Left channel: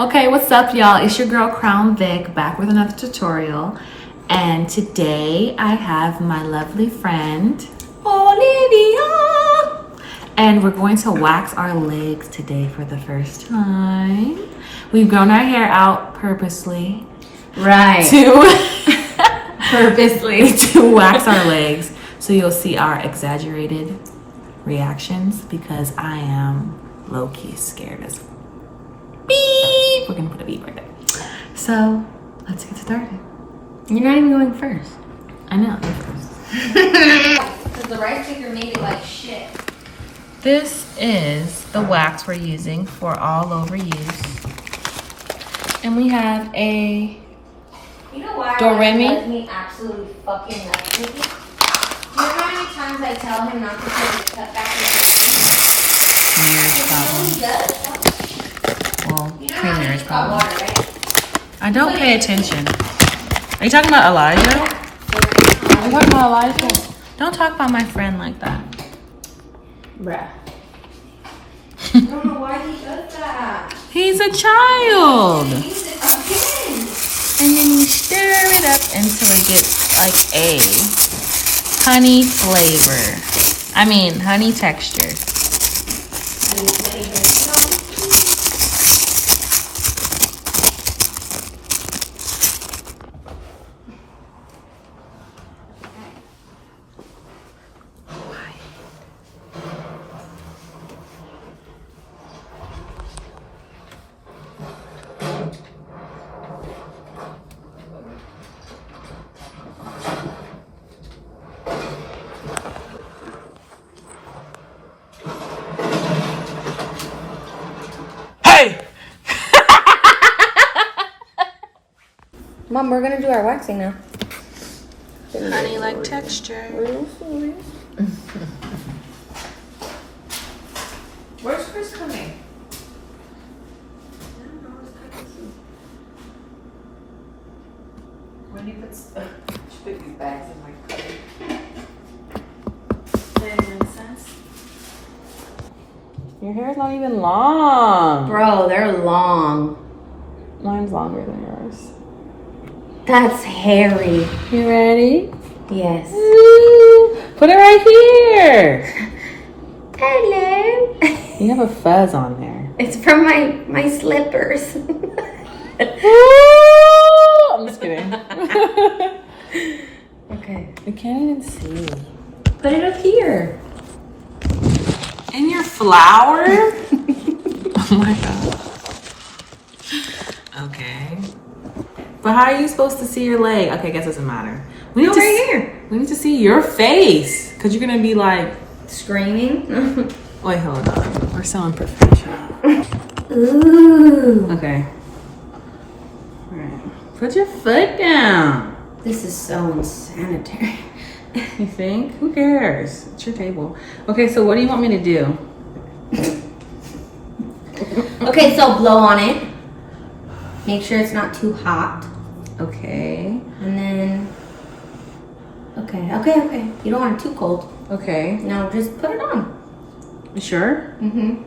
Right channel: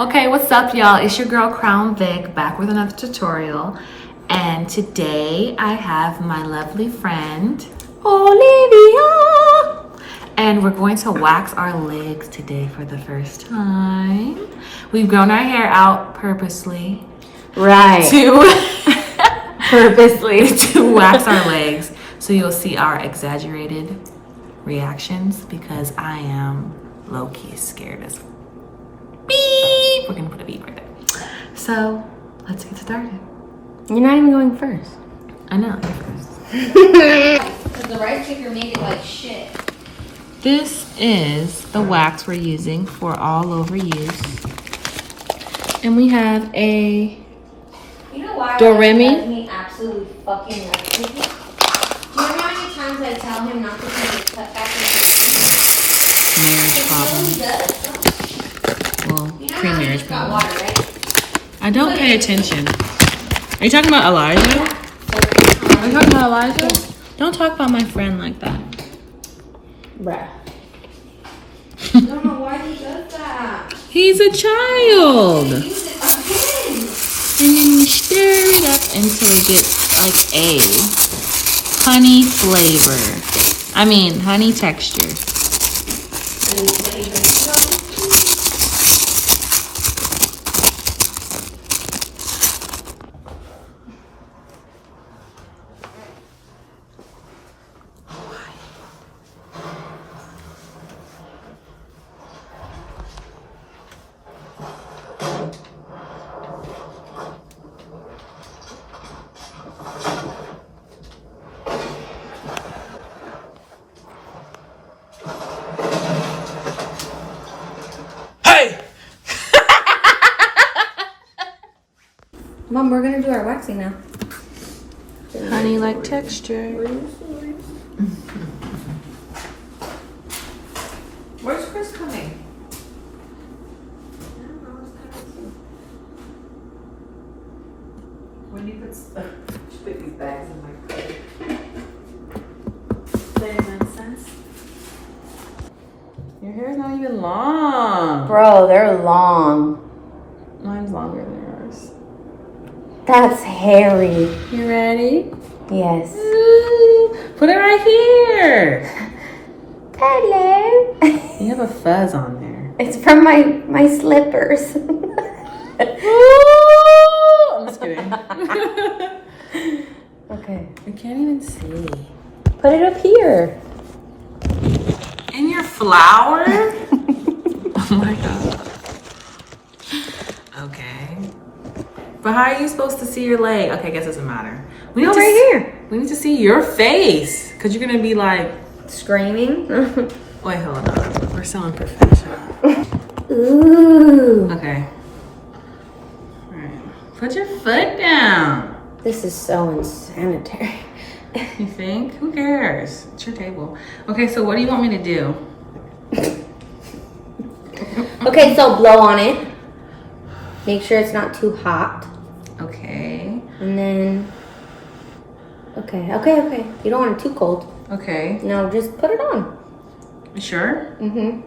Okay, what's up, y'all? It's your girl Crown Vic back with another tutorial, and today I have my lovely friend Olivia, and we're going to wax our legs today for the first time. We've grown our hair out purposely, right? To wax our legs, so you'll see our exaggerated reactions because I am low-key scared as beep. We're gonna put a beep right there. So let's get started. You're not even going first. I know, you're first. Because the rice maker made it like shit. This is the wax we're using for all over use. And we have a Doremi. Does me absolute fucking nuts. You know how many times I tell him not to put his cut back in Marriage problem. Water, right? I don't pay attention. Are you talking about Elijah? Are you talking about Elijah? Don't talk about my friend like that. Bruh. I don't know why he does that. He's a child. He uses it again. And then you stir it up until it gets like a honey flavor. I mean, honey texture. Mom, we're gonna do our waxing now. Honey-like texture. Where's Chris coming? When he puts put these bags in my car. That makes sense. Your hair is not even long. Bro, they're long. Mine's longer than yours. That's hairy. You ready? Yes. Ooh, put it right here. Hello. You have a fuzz on there. It's from my slippers. I'm just kidding. Okay. I can't even see. Put it up here. In your flower? Oh my god. Okay. But how are you supposed to see your leg? Okay, I guess it doesn't matter. We need Right here. We need to see your face. Because you're going to be like... Screaming. Wait, hold on. We're so unprofessional. Ooh. Okay. All right. Put your foot down. This is so unsanitary. You think? Who cares? It's your table. Okay, so what do you want me to do? Okay, so blow on it. Make sure it's not too hot. Okay. And then... Okay. You don't want it too cold. Okay. Now just put it on. You sure? Mm-hmm.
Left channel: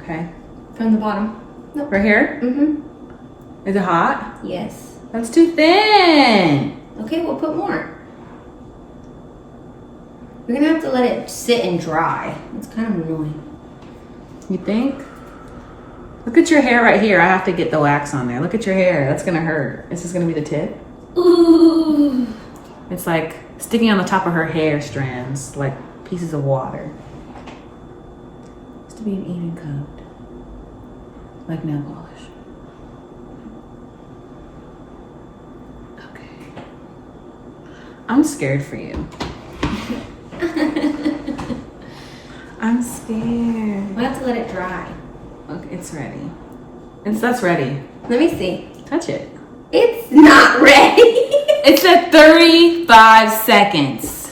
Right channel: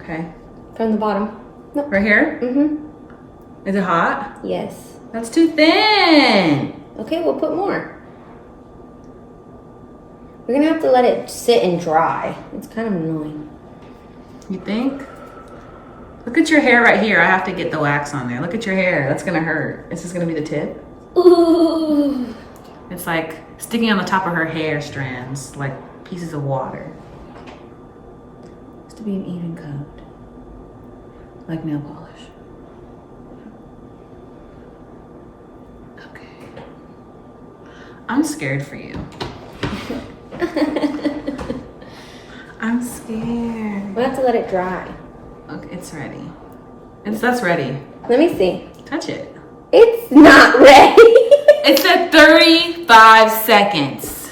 Okay. From the bottom. Nope. Right here? Mm-hmm. Is it hot? Yes. That's too thin. Okay, we'll put more. We're gonna have to let it sit and dry. It's kind of annoying. You think? Look at your hair right here. I have to get the wax on there. Look at your hair. That's gonna hurt. Is this gonna be the tip? Ooh. It's like sticking on the top of her hair strands, like pieces of water. It's to be an even coat, like nail polish. Okay. I'm scared for you. I'm scared. We'll have to let it dry. Okay, it's ready. That's ready. Let me see. Touch it. It's not ready. It's at 35 seconds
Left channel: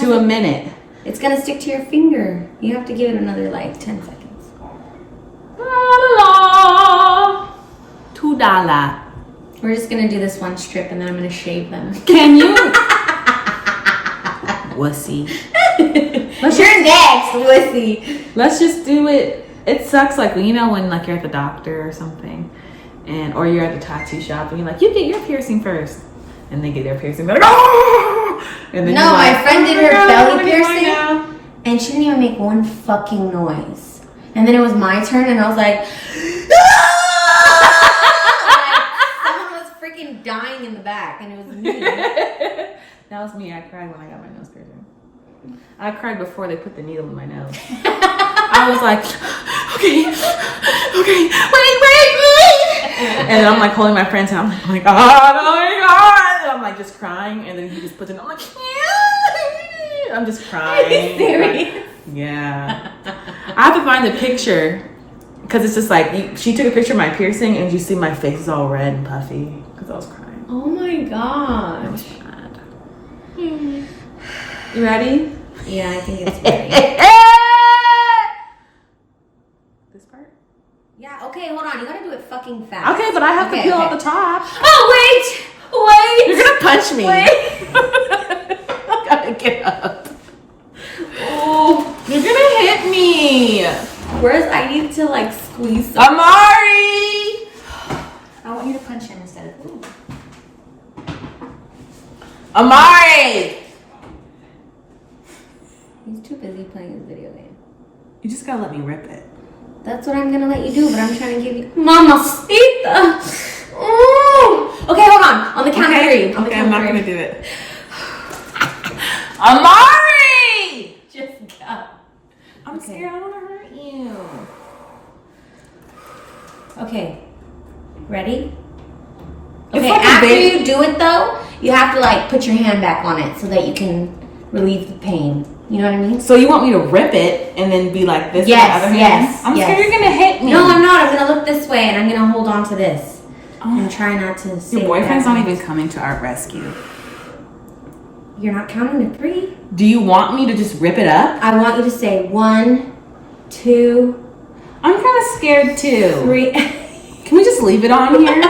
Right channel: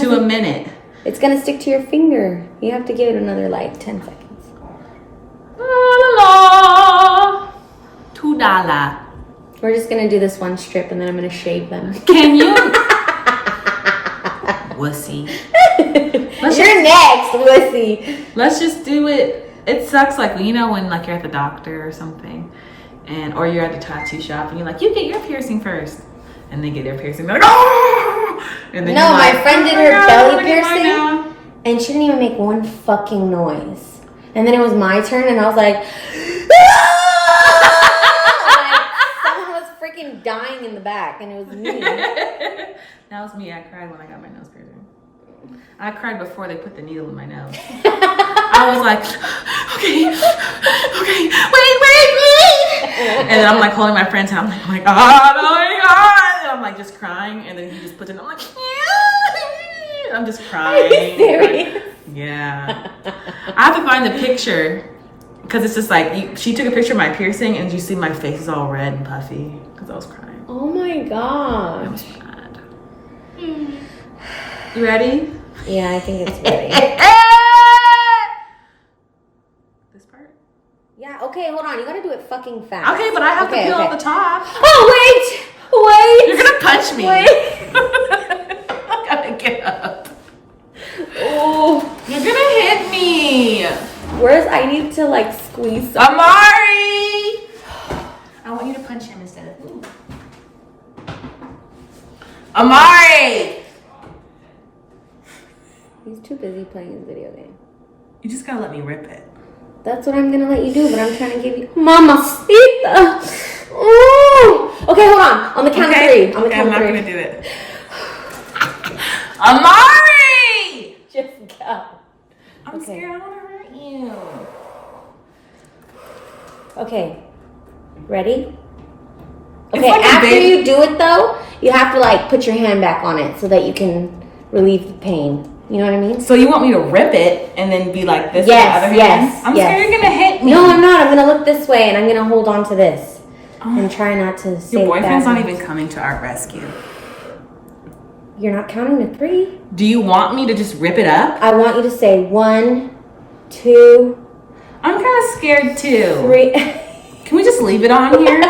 to a minute. It's gonna stick to your finger. You have to give it another like 10 seconds. La la la. $2. We're just gonna do this one strip and then I'm gonna shave them. Can you? Wussy. You're next, wussy. Let's just do it. It sucks, like, you know, when like you're at the doctor or something and or you're at the tattoo shop and you're like, you get your piercing first, and they get their piercing. They're like, oh! And then No, you're my like, friend did oh her God, belly I'm gonna get mine piercing. now. And she didn't even make one fucking noise. And then it was my turn, and I was like, someone was freaking dying in the back, and it was me. That was me. I cried when I got my nose piercing. I cried before they put the needle in my nose. I was like, okay, wait. And then I'm like holding my friend's hand. I'm like, oh my God. And I'm like just crying. And then he just puts it in. I'm like, I'm just crying. Yeah. I have to find the picture because it's just like, she took a picture of my piercing and you see my face is all red and puffy because I was crying. Oh my God. It was bad. You ready? Yeah, I think it's ready. This part? Yeah, okay, hold on. You gotta do it fucking fast. Okay, but I have to peel off the top. Oh, wait! You're gonna punch me. Wait. I gotta get up. Oh, You're gonna hit me. I need to like squeeze some. Amari! I want you to punch him instead of ooh. Amari! He's too busy playing his video game. You just gotta let me rip it. That's what I'm gonna let you do, but I'm trying to give you Mamacita. Oh. Okay, hold on. On the count of three. On the Okay, I'm count not of gonna three. do it. Amari! Just go. I'm Okay. scared I wanna hurt you. Okay. Ready? It's Okay, like a after baby- you do it though, you have to like put your hand back on it so that you can relieve the pain. You know what I mean? So you want me to rip it and then be like this Yes, with the other hand? yes, I'm yes. scared you're gonna hit me. No, I'm not. I'm gonna look this way and I'm gonna hold on to this. Oh. And try not to say Your boyfriend's that. not even coming to our rescue. You're not counting to three? Do you want me to just rip it up? I want you to say 1, 2, I'm kind of scared too. 3. Can we just leave it on here?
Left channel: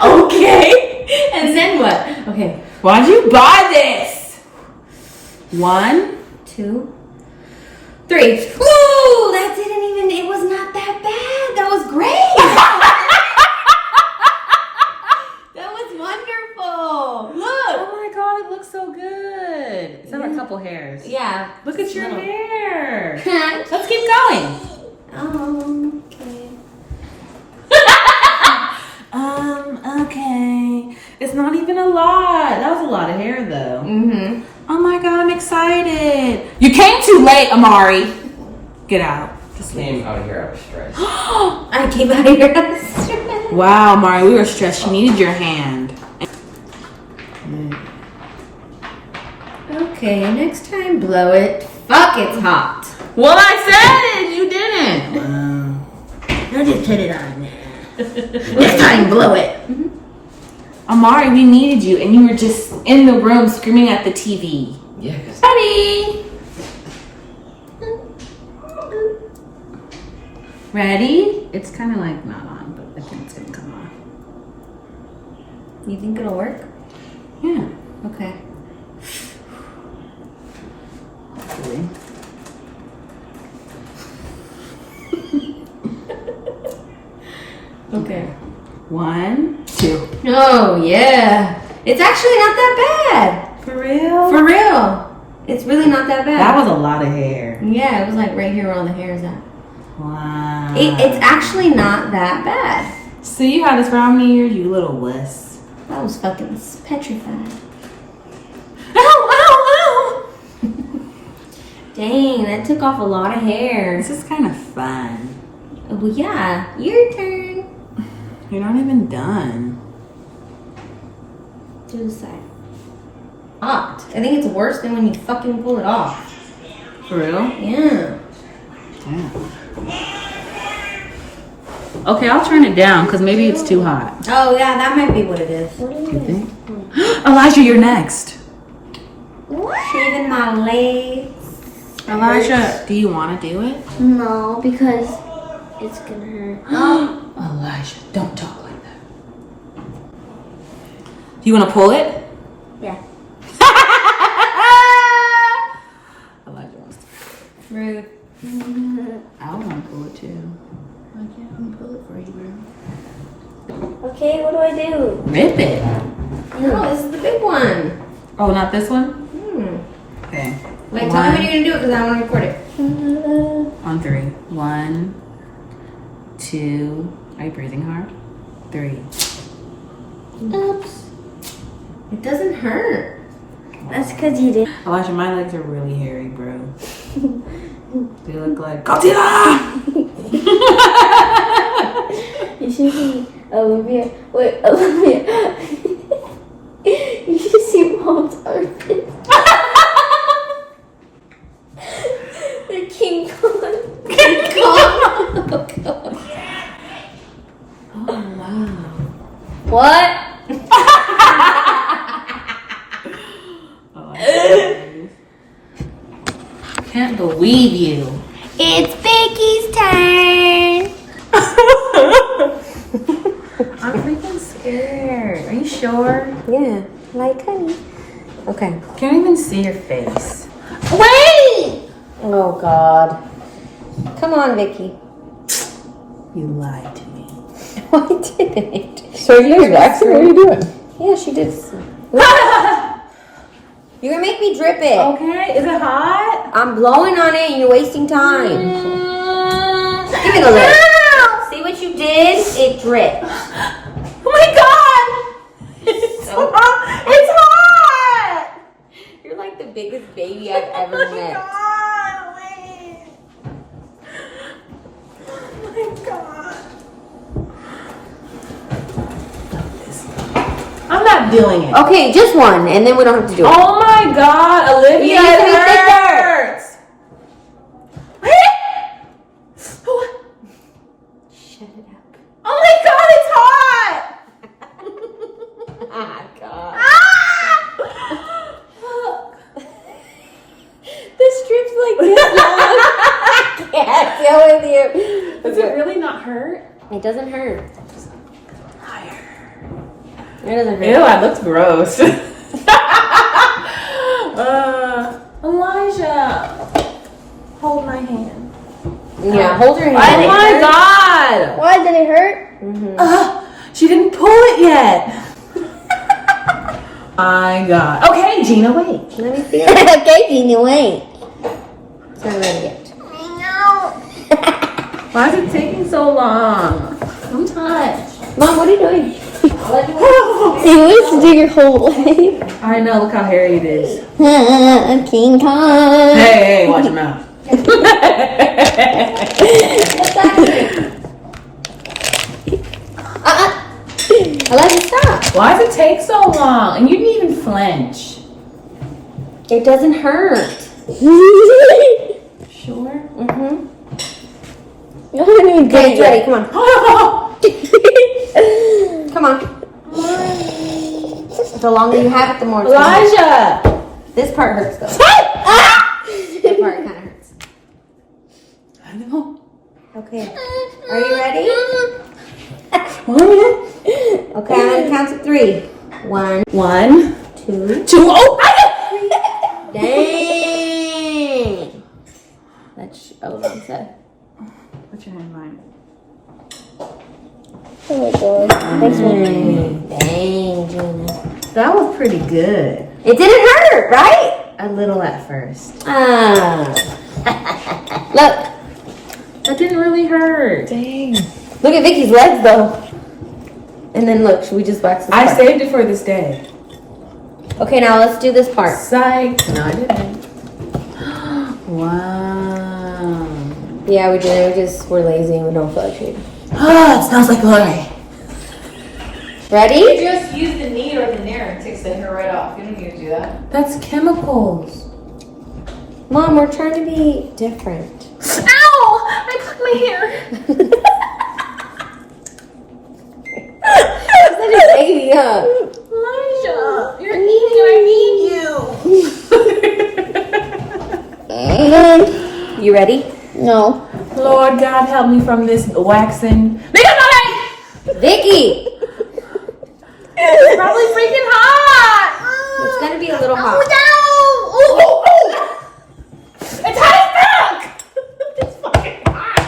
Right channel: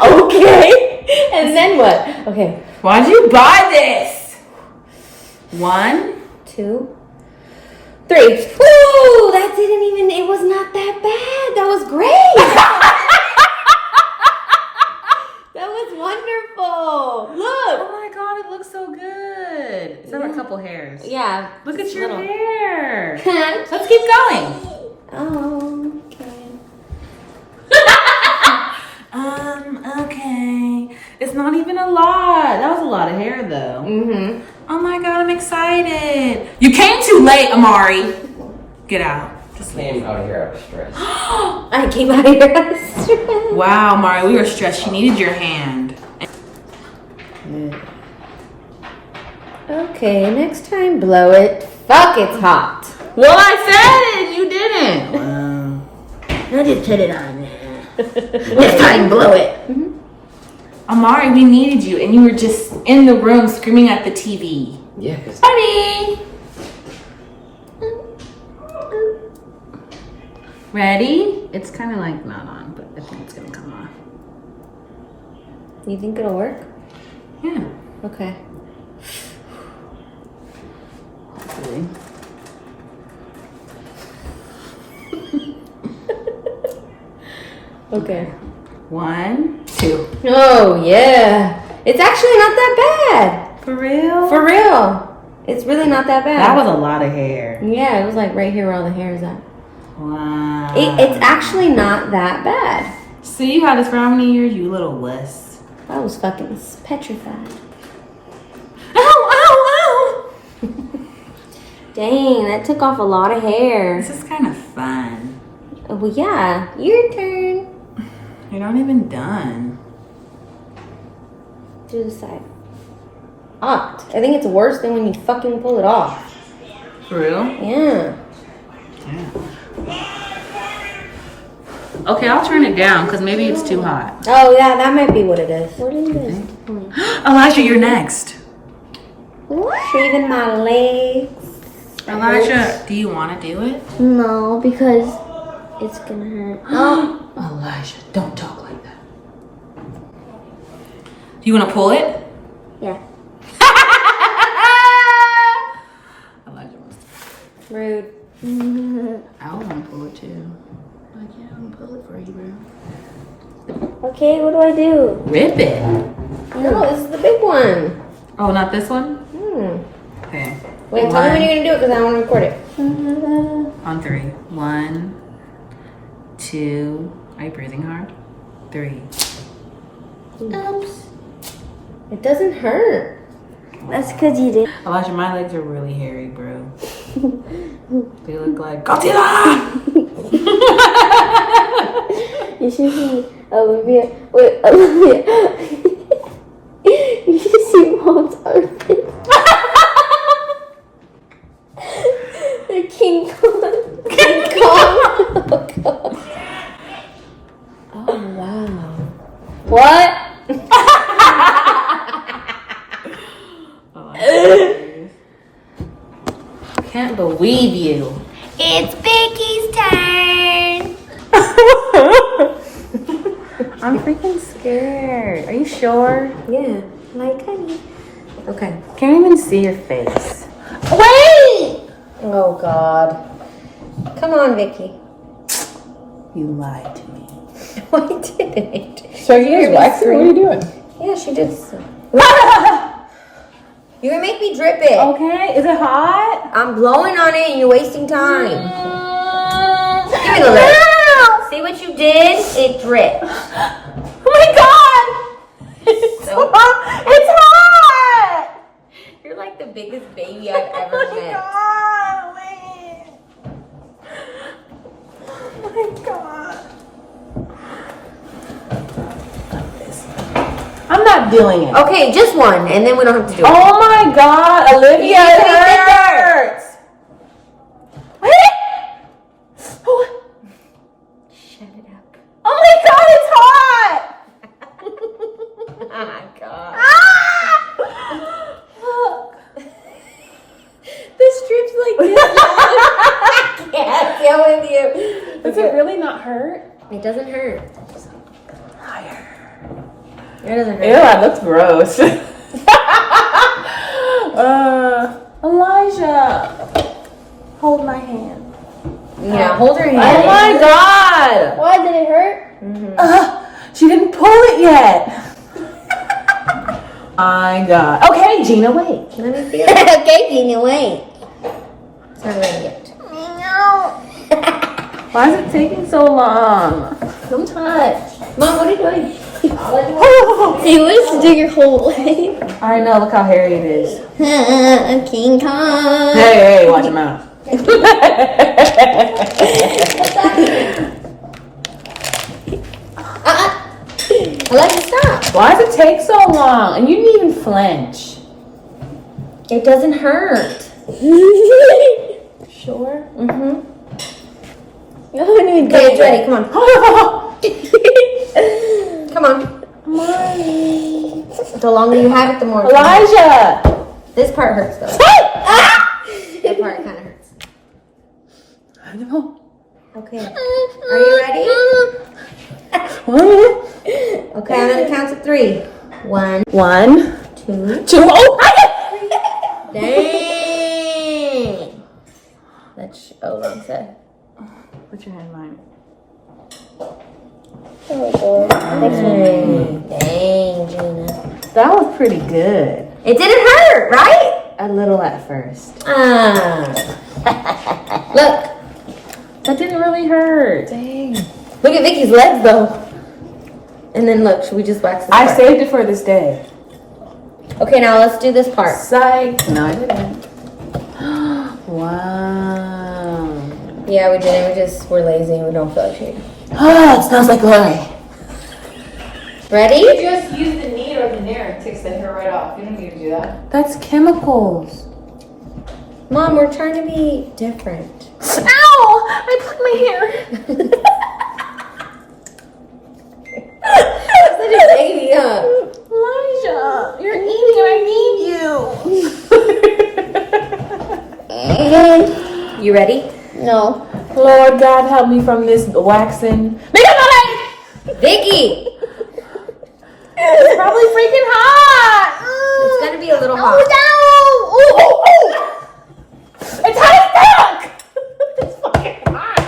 Okay. And then what? Okay. Why'd you buy this? 1. 2, 3. Ooh, that didn't even, it was not that bad. That was great. That was wonderful. Look. Oh my God, it looks so good. Except for a couple hairs. Yeah. Look just at your little. hair. Let's keep going. Okay. Okay. It's not even a lot. That was a lot of hair though. Mm-hmm. Oh my God, I'm excited. You came too late, Amari. Get out. Just leave. Came out here out of stress. I came out of here. Wow, Amari, we were stressed. You needed your hand. Okay, next time blow it. Fuck, it's hot. Well, I said it. You didn't. I'll just put it on there. Next time, blow it. Amari, we needed you, and you were just in the room screaming at the TV. Yes. Ready? Ready? It's kind of like not on, but I think it's gonna come on. You think it'll work? Yeah. Okay. Hopefully. Okay. 1, 2. Oh, yeah. It's actually not that bad. For real? For real. It's really not that bad. That was a lot of hair. Yeah, it was like right here where all the hair is at. Wow. It's actually not that bad. So you had this for how many years, you little wuss? I was fucking petrified. Ow, ow, ow! Dang, that took off a lot of hair. This is kind of fun. Oh, well, yeah. Your turn. You're not even done. Do the side. Hot. I think it's worse than when you fucking pull it off. For real? Yeah. Yeah. Okay, I'll turn it down because maybe it's too hot. Oh, yeah, that might be what it is. What is it? Elijah, you're next. Shaving my legs. Elijah, do you want to do it? No, because it's gonna hurt. Elijah, don't talk like that. Do you want to pull it? Yeah. Elijah wants to. Rude. I want to pull it too. I can't unpull it for you, bro. Okay, what do I do? Rip it. No, this is the big one. Oh, not this one? Okay. Wait, tell me when you're gonna do it because I don't want to record it. On 3. 1, 2. Are you breathing hard? 3. Oops. It doesn't hurt. That's because you did. Elijah, my legs are really hairy, bro. They look like Godzilla! You should see Olivia. Wait, Olivia. You should see Mom's armpit. The King Kong. King Kong. Oh, wow. What? Can't believe you. It's Becky's turn. I'm freaking scared. Are you sure? Yeah, like honey. Okay. Can't even see your face. Wait! Oh, God. Come on, Vicky. You lied to me. I didn't. So you're What are you doing? Yeah, she did. You're gonna make me drip it. Okay, is it hot? I'm blowing on it and you're wasting time. Give it a lick. See what you did? It dripped. Oh my god! It's So- hot! It's hot! You're like the biggest baby I've ever met. God, wait. Oh my god. I'm not doing it. Okay, just one, and then we don't have to do it. Oh my god, Olivia, You gotta be it thicker. hurts. Shut it up. Oh my god, it's hot! Oh my God. The strip's like this long. I can't deal with you. Does it really not hurt? It doesn't hurt. It doesn't hurt. Ew, that looks gross. Elijah, hold my hand. Yeah, hold her hand. Oh my god! Why did it hurt? She didn't pull it yet. My god. Okay, Gina, wait. Let me feel it. Okay, Gina, wait. It's not ready yet. Why is it taking so long? Don't touch. Mom, what are you doing? He wants to do your whole leg. I know, look how hairy it is. King Kong. Hey, watch your mouth. I like to stop. Why does it take so long? And you didn't even flinch. It doesn't hurt. Sure? Mm-hmm. Okay, it's ready. Come on. Come on. The longer you have it, the more it's gonna hurt. Elijah! This part hurts though. That part kind of hurts. I don't know. Okay. Are you ready? Okay, I'm gonna count to 3. 1, 1, 2, 2. Oh! Dang. That's wrong side. What's your handline? Oh my god. Dang, Gina. That was pretty good. It didn't hurt, right? A little at first. Look. That didn't really hurt. Dang. Look at Vicky's legs though. And then look, should we just wax this part? I saved it for this day. Okay, now let's do this part. Psych. No, I didn't. Wow. Yeah, we did it. We're lazy and we don't feel like shaving. Oh, it smells like Larry. Ready? Just use the knead or the nair and takes the hair right off. You don't need to do that. That's chemicals. Mom, we're trying to be different. Ow! I cut my hair. That's such a baby, huh? Elijah, you're eating and I need you. You ready? No. Lord God, help me from this waxing. Vicky! It's probably freaking hot. It's gonna be a little hot. It's hot as fuck. It's fucking hot.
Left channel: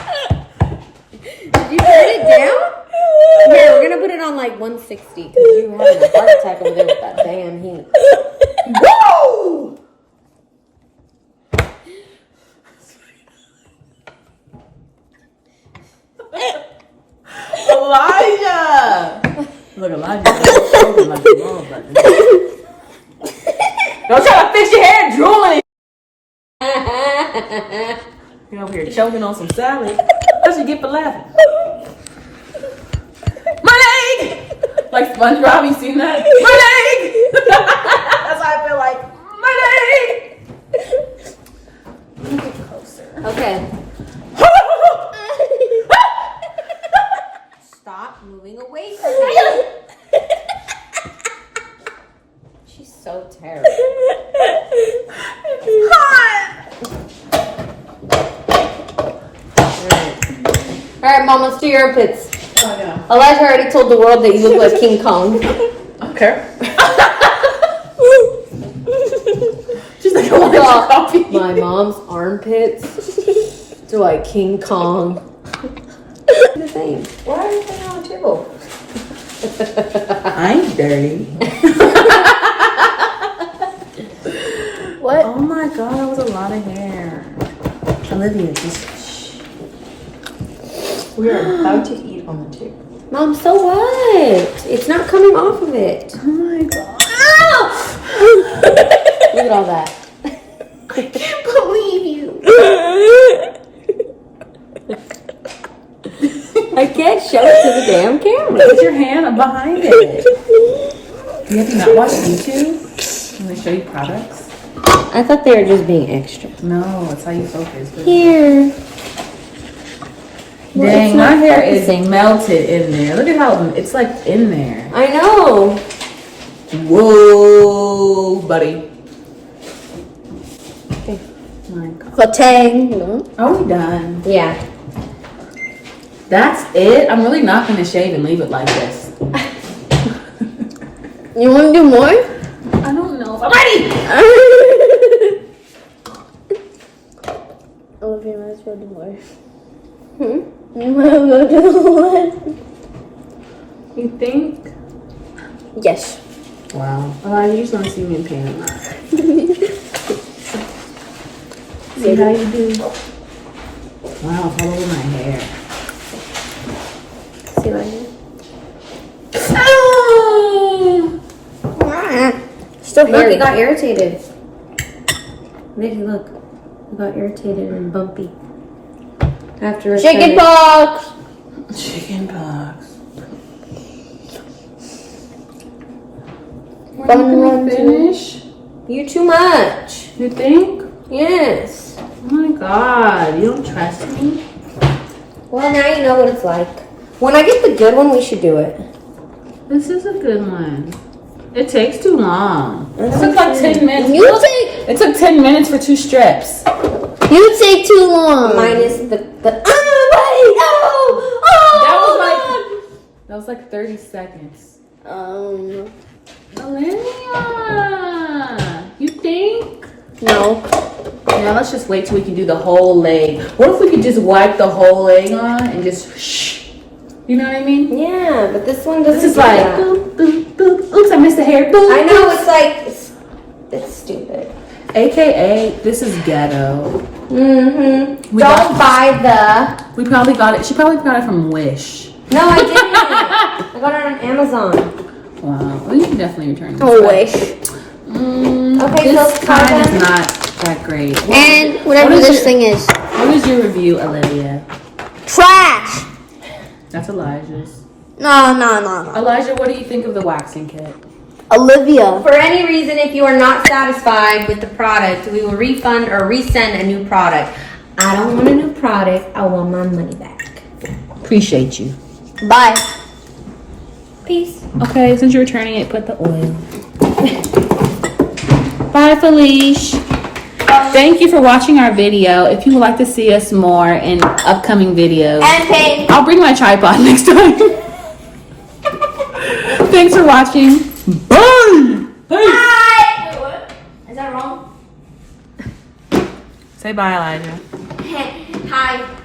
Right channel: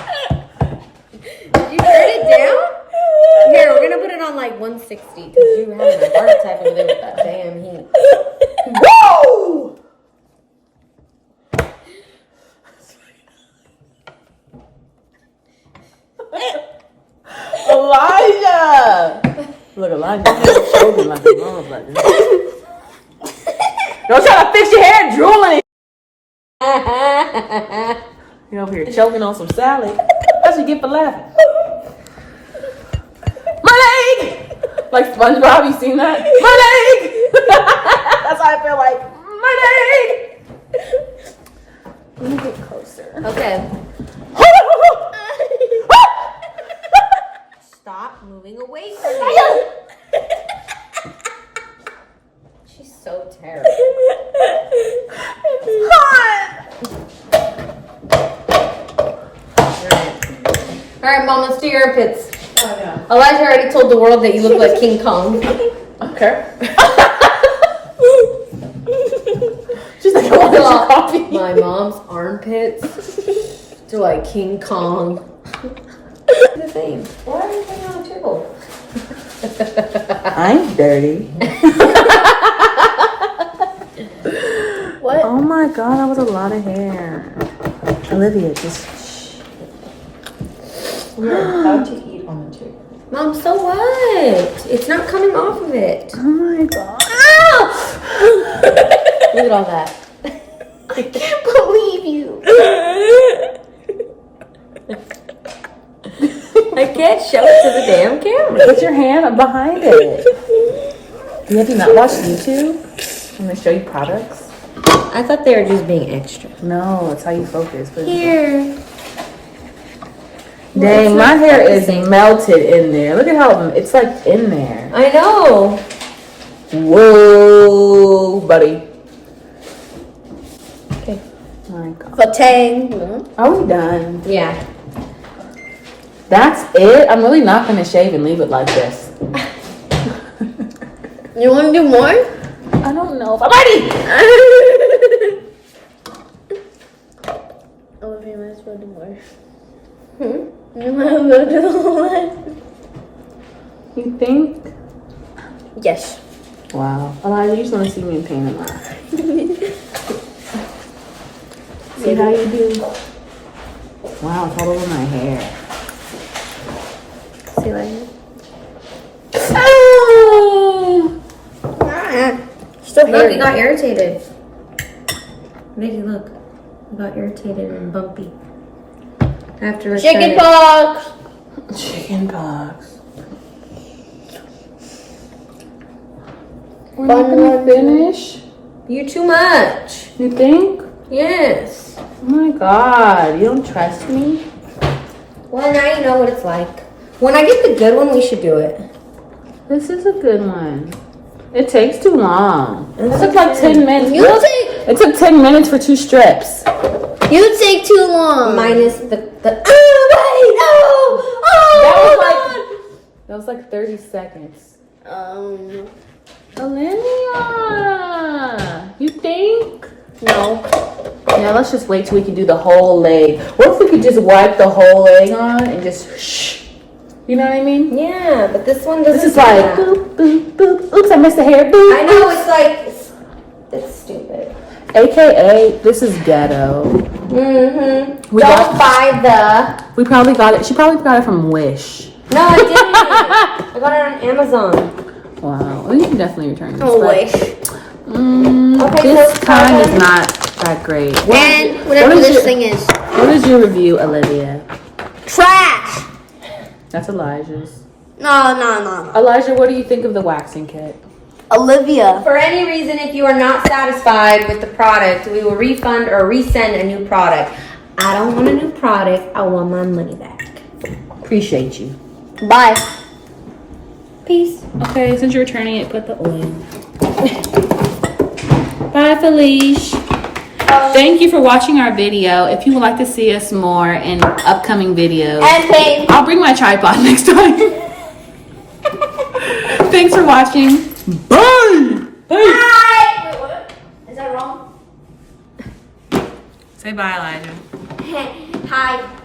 like 160 because you were having a heart attack over there with that damn heat. Woo! Elijah! Look, Elijah. Don't try to fix your hair drooling. You're over here choking on some salad. That's what you get for laughing. My leg! Like SpongeBob, you seen that? My leg! That's how I feel like. My leg! Let me get closer. Okay. Stop moving away from me. She's so terrible. It's hot! Alright, Mom, let's do your armpits. Oh, yeah. Elijah already told the world that you look like King Kong. Okay. She's like, I want your coffee. My mom's armpits. They're like King Kong. The thing. Why are you putting on the table? I'm dirty. What? Oh my god, that was a lot of hair. Olivia, just shh. We are about to eat on the table. Mom, so what? It's not coming off of it. Oh my god. Look at all that. I can't believe you. I can't show it to the damn camera. Put your hand behind it. Do you have to not watch YouTube when they show you products? I thought they were just being extra. No, that's how you focus. But Here. Well, it's dang, my not hair is focusing. melted in there. Look at how it's like in there. I know. Whoa, buddy. Okay. My god. Flatang. Are we done? Yeah. That's it? I'm really not going to shave and leave it like this. You want to do more? I don't know if I'm ready. Oh, you might as well do more. You might as well do more. You think? Yes. Wow. Elijah, you just want to see me in pain a lot. See how you do? Wow, it's all over my hair. See what I mean? Still Look, it got irritated. Vicky, look. It got irritated and bumpy. After Chicken pox. Chicken pox. When are you gonna finish? You too much. You think? Yes. Oh my god, you don't trust me? Well, now you know what it's like. When I get the good one, we should do it. This is a good one. It takes too long. It That's took like okay. 10 minutes. It took 10 minutes for 2 strips. You take too long. Minus the That was like 30 seconds. Um, Olivia, you think? no. Yeah, let's just wait till we can do the whole leg. What if we could just wipe the whole leg on and just shh? You know what I mean? Yeah, but this one doesn't. This is do like, that. boop, boop, boop. Oops, I missed the hair. Boop, I know, boop. it's like, it's stupid. AKA, this is ghetto. Mm-hmm. We Don't buy We probably got it. She probably got it from Wish. the. No, I didn't. I got it on Amazon. Wow. We can definitely return this. Oh, Wish. Okay, This so time is not that great. And whatever what is this your- thing is. What is your review, Olivia? Trash! That's Elijah's. No. Elijah, what do you think of the waxing kit? Olivia. For any reason, if you are not satisfied with the product, we will refund or resend a new product. I don't want a new product. I want my money back. Appreciate you. Bye. Peace. Okay, since you're returning it, put the oil. Bye, Felice. Thank you for watching our video. If you would like to see us more in upcoming videos, And pay. I'll bring my tripod next time. Thanks for watching. Bye. Bye. Wait, what? Is that wrong? Say bye, Elijah. Hi.